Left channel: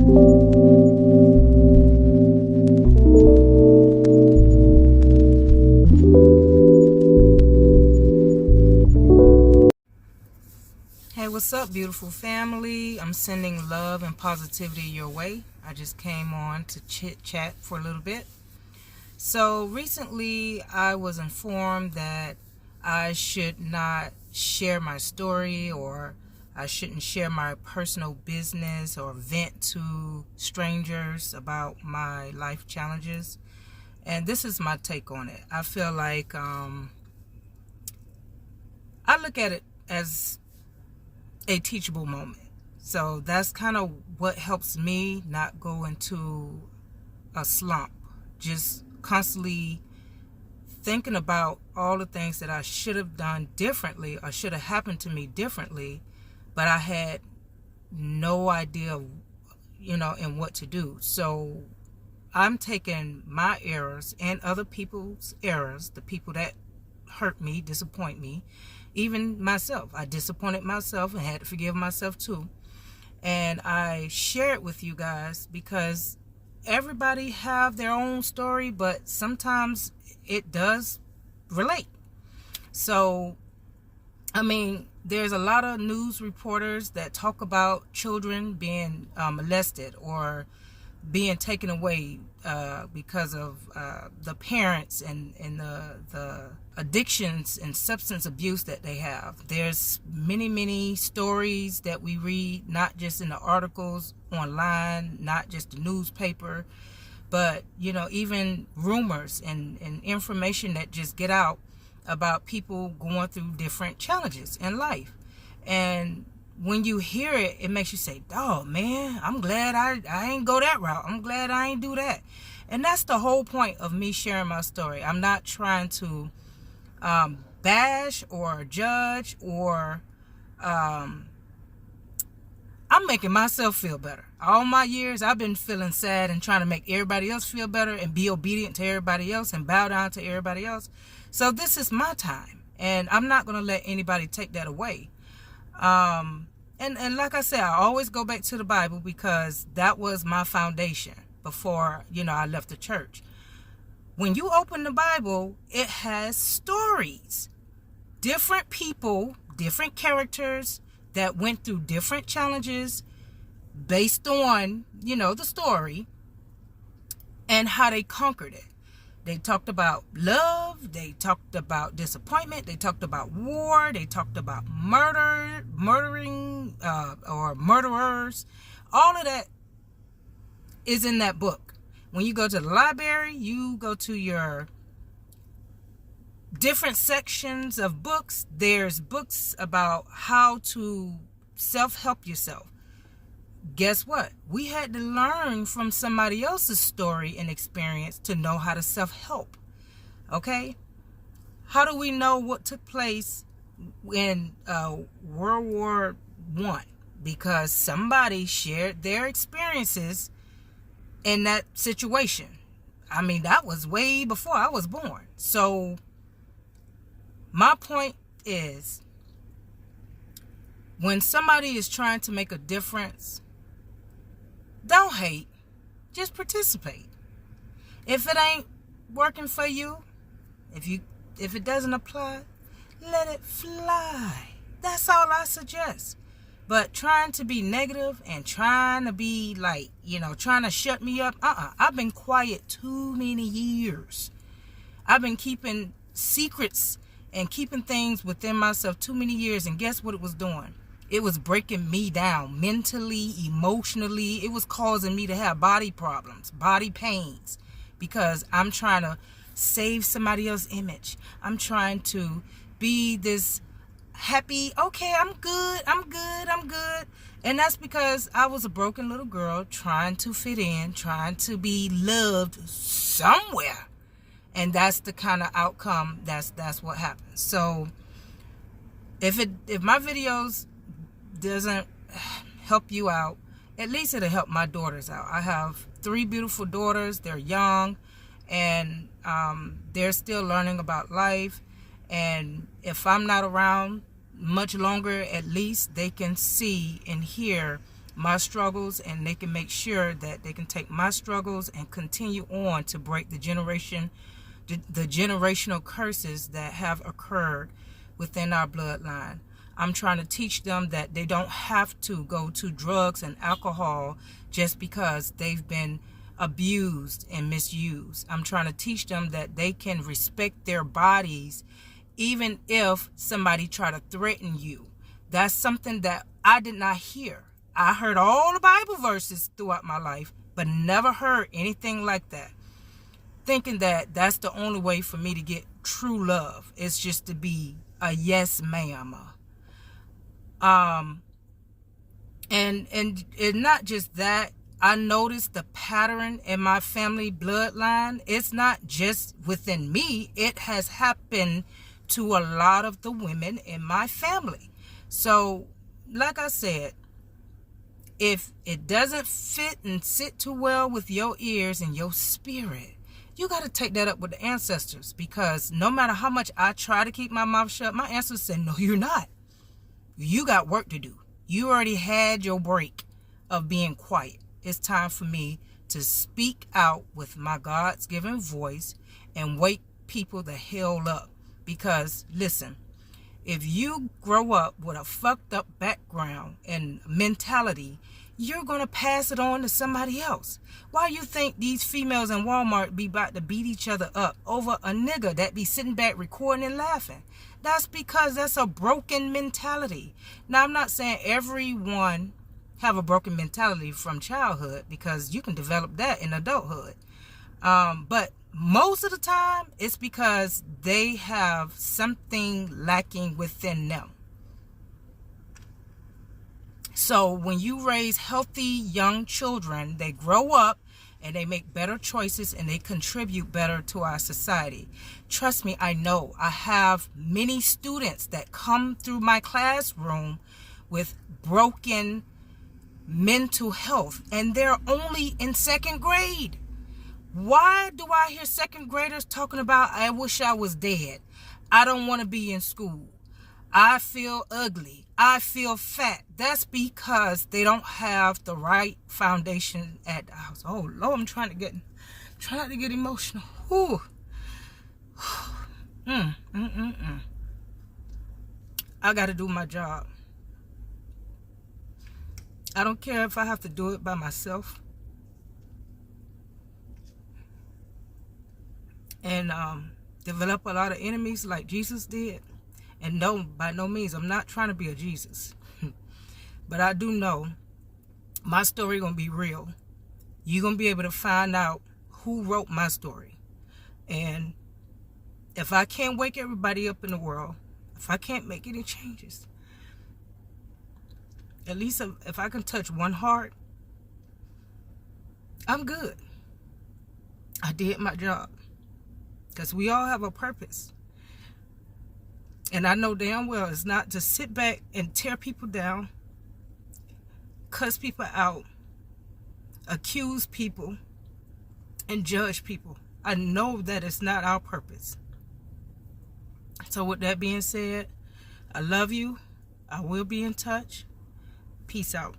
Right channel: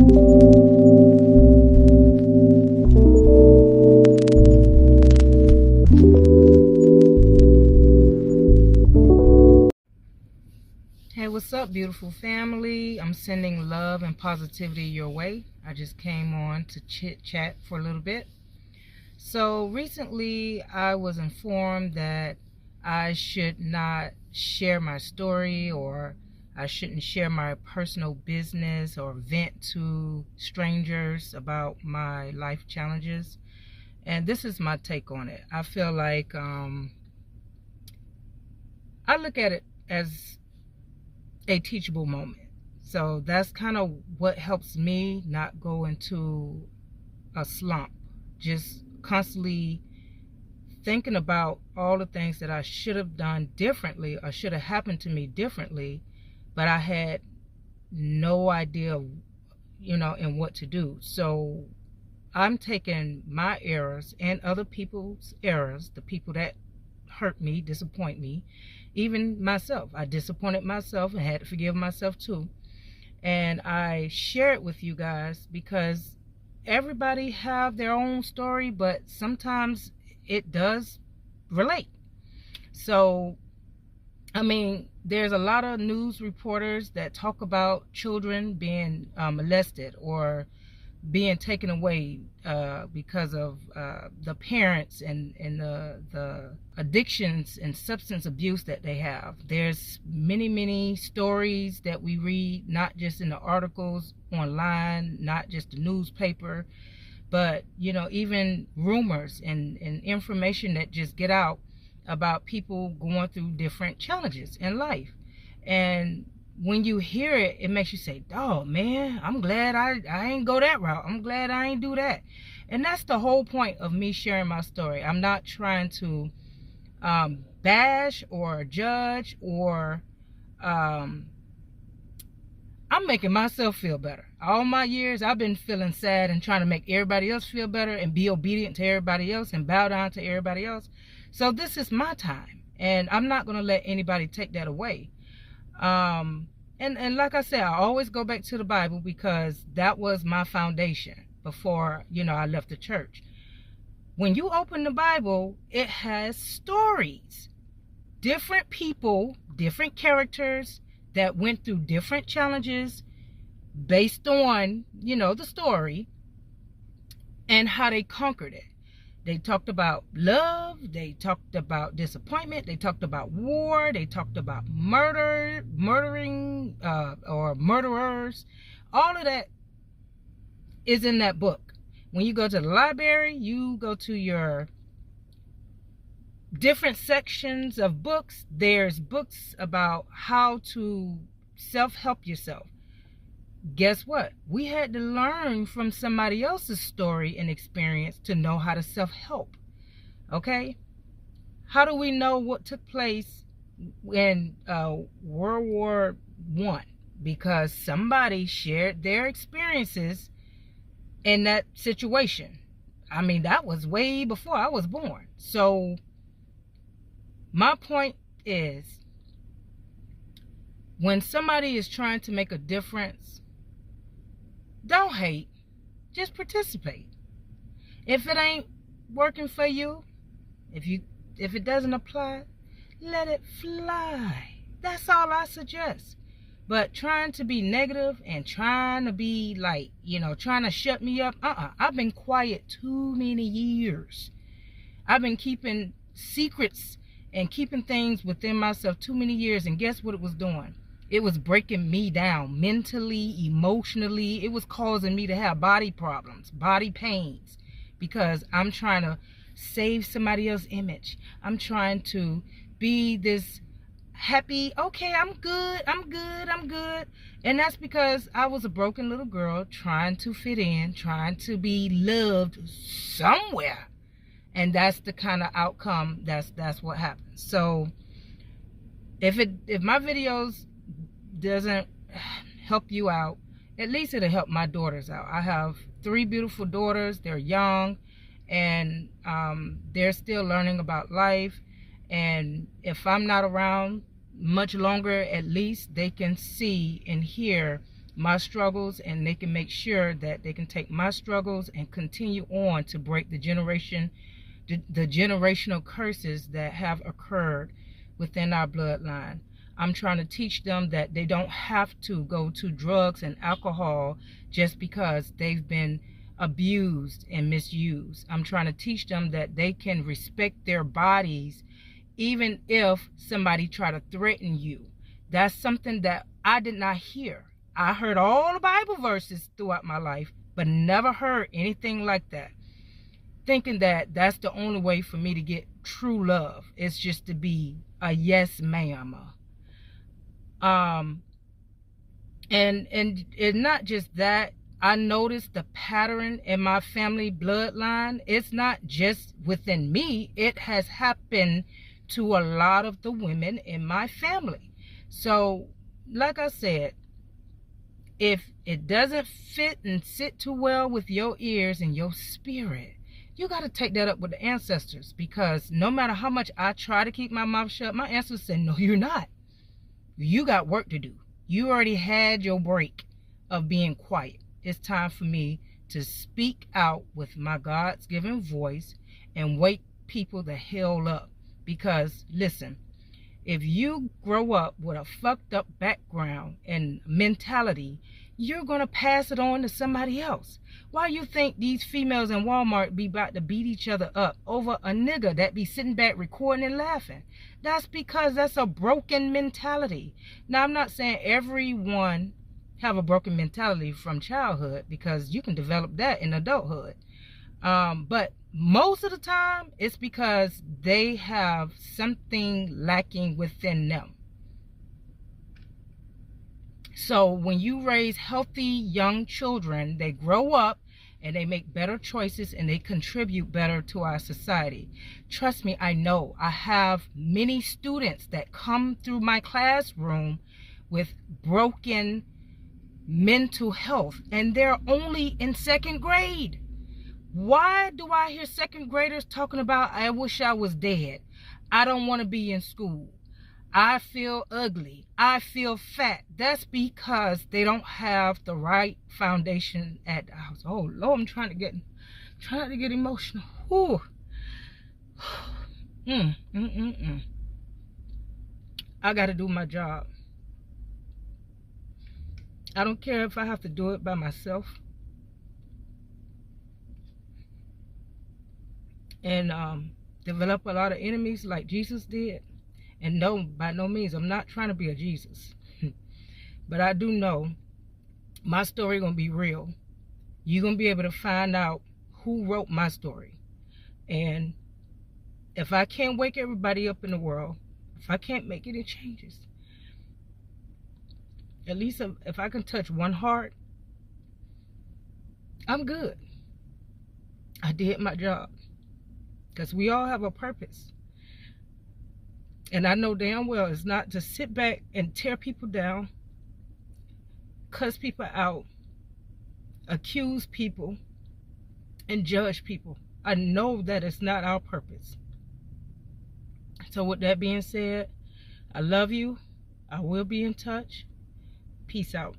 Hey, what's up, beautiful family? I'm sending love and positivity your way. I just came on to chit chat for a little bit. So recently I was informed that I should not share my story, or I shouldn't share my personal business or vent to strangers about my life challenges. And this is my take on it. I feel like I look at it as a teachable moment. So that's kind of what helps me not go into a slump. Just constantly thinking about all the things that I should have done differently or should have happened to me differently, but I had no idea, and what to do. So I'm taking my errors and other people's errors, the people that hurt me, disappoint me, even myself. I disappointed myself and had to forgive myself too. And I share it with you guys because everybody have their own story, but sometimes it does relate. So, there's a lot of news reporters that talk about children being molested or being taken away because of the parents and the addictions and substance abuse that they have. There's many stories that we read, not just in the articles online, not just the newspaper, but even rumors and information that just get out about people going through different challenges in life. And when you hear it, it makes you say, oh man, I'm glad I ain't go that route. I'm glad I ain't do that. And that's the whole point of me sharing my story. I'm not trying to bash or judge, or I'm making myself feel better. All my years I've been feeling sad and trying to make everybody else feel better and be obedient to everybody else and bow down to everybody else. So this is my time, and I'm not going to let anybody take that away. And like I said, I always go back to the Bible because that was my foundation before, I left the church. When you open the Bible, it has stories. Different people, different characters that went through different challenges based on, the story and how they conquered it. They talked about love, they talked about disappointment, they talked about war, they talked about murdering or murderers. All of that is in that book. When you go to the library, you go to your different sections of books. There's books about how to self-help yourself. Guess what? We had to learn from somebody else's story and experience to know how to self-help. Okay? How do we know what took place in World War I? Because somebody shared their experiences in that situation. That was way before I was born. So my point is, when somebody is trying to make a difference, don't hate, just participate. If it ain't working for you, if it doesn't apply, let it fly. That's all I suggest. But trying to be negative and trying to be like, trying to shut me up, I've been quiet too many years. I've been keeping secrets and keeping things within myself too many years, and guess what it was doing? It was breaking me down mentally, emotionally. It was causing me to have body problems, body pains, because I'm trying to save somebody else's image. I'm trying to be this happy, okay, I'm good. And that's because I was a broken little girl trying to fit in, trying to be loved somewhere. And that's the kind of outcome, that's what happens. So if my videos doesn't help you out, at least it'll help my daughters out. I have 3 beautiful daughters. They're young, and they're still learning about life. And if I'm not around much longer, at least they can see and hear my struggles, and they can make sure that they can take my struggles and continue on to break the generational curses that have occurred within our bloodline. I'm trying to teach them that they don't have to go to drugs and alcohol just because they've been abused and misused. I'm trying to teach them that they can respect their bodies even if somebody try to threaten you. That's something that I did not hear. I heard all the Bible verses throughout my life, but never heard anything like that. Thinking that that's the only way for me to get true love. It's just to be a yes ma'am. And not just that, I noticed the pattern in my family bloodline. It's not just within me. It has happened to a lot of the women in my family. So, like I said, if it doesn't fit and sit too well with your ears and your spirit, you got to take that up with the ancestors, because no matter how much I try to keep my mouth shut, my ancestors say, no, you're not. You got work to do. You already had your break of being quiet. It's time for me to speak out with my God's given voice and wake people the hell up. Because listen, if you grow up with a fucked up background and mentality, you're going to pass it on to somebody else. Why you think these females in Walmart be about to beat each other up over a nigga that be sitting back recording and laughing? That's because that's a broken mentality. Now, I'm not saying everyone have a broken mentality from childhood, because you can develop that in adulthood. But most of the time, it's because they have something lacking within them. So when you raise healthy young children, they grow up and they make better choices and they contribute better to our society. Trust me, I know. I have many students that come through my classroom with broken mental health, and they're only in second grade. Why do I hear second graders talking about, I wish I was dead, I don't want to be in school, I feel ugly, I feel fat? That's because they don't have the right foundation at the house. Oh Lord, I'm trying not to get emotional. Ooh. I got to do my job. I don't care if I have to do it by myself. And develop a lot of enemies like Jesus did. And no, by no means, I'm not trying to be a Jesus. But I do know my story going to be real. You're going to be able to find out who wrote my story. And if I can't wake everybody up in the world, if I can't make any changes, at least if I can touch one heart, I'm good. I did my job. Because we all have a purpose. And I know damn well it's not to sit back and tear people down, cuss people out, accuse people, and judge people. I know that it's not our purpose. So with that being said, I love you. I will be in touch. Peace out.